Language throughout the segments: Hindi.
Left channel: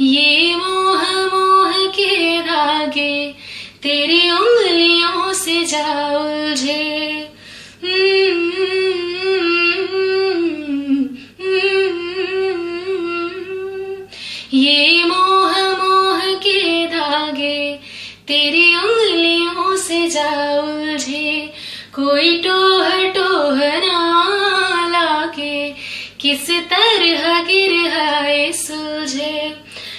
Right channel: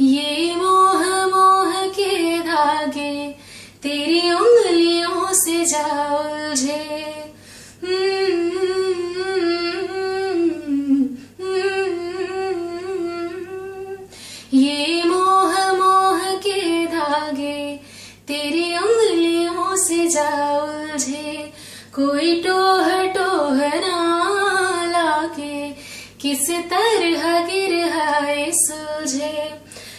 ये मोह मोह के धागे तेरी उंगलियों से जा उलझे। ये मोह मोह के धागे तेरी उंगलियों से जा उलझे। कोई टोह टोह ना लाके किस तरह गिरहाए सुलझे।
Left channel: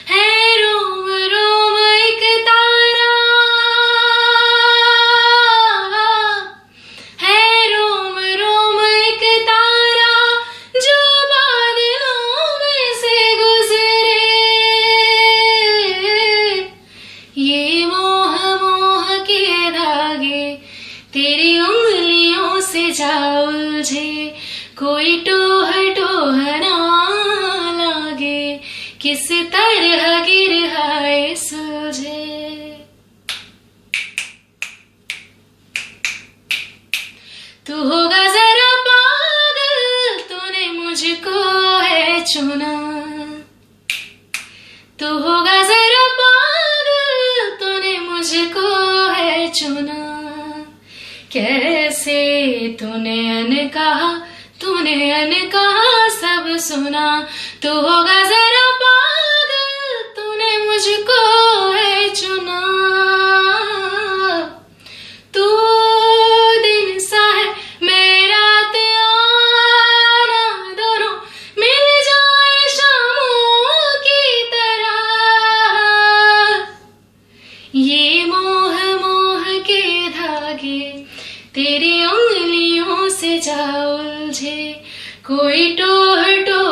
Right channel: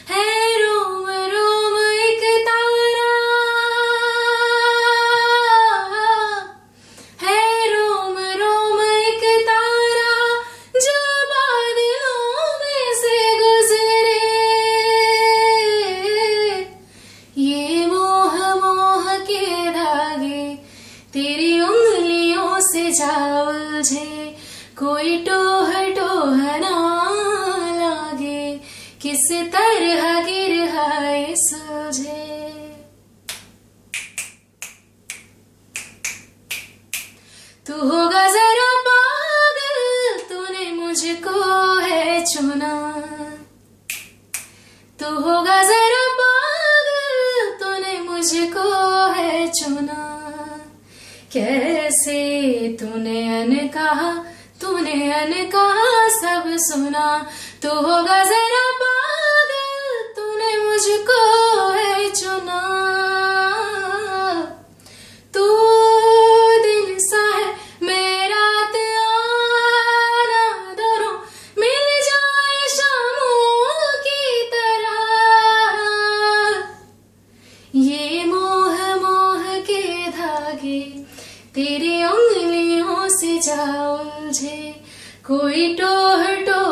है रोम रोम एक तारा, है रोम रोम एक तारा जो बादलों में से गुजरे। ये मोह मोह के धागे तेरी उंगलियों से जा उलझे। कोई टोह टोह ना लागे किस तरह गिरहाए सुलझे। तू होगा जरा पागल, तूने मुझको है चुना। तू होगा जरा पागल, तूने मुझको है चुना। कैसे तूने अनकहा सब सुना। तू होगा जरा पागल, तूने मुझको है चुना। तू दिन सा है मैं रात आना, दोनों मिल जाए शामों की तरह। ये मोह मोह के धागे तेरी उंगलियों से जा उलझे। कोई टोह टोह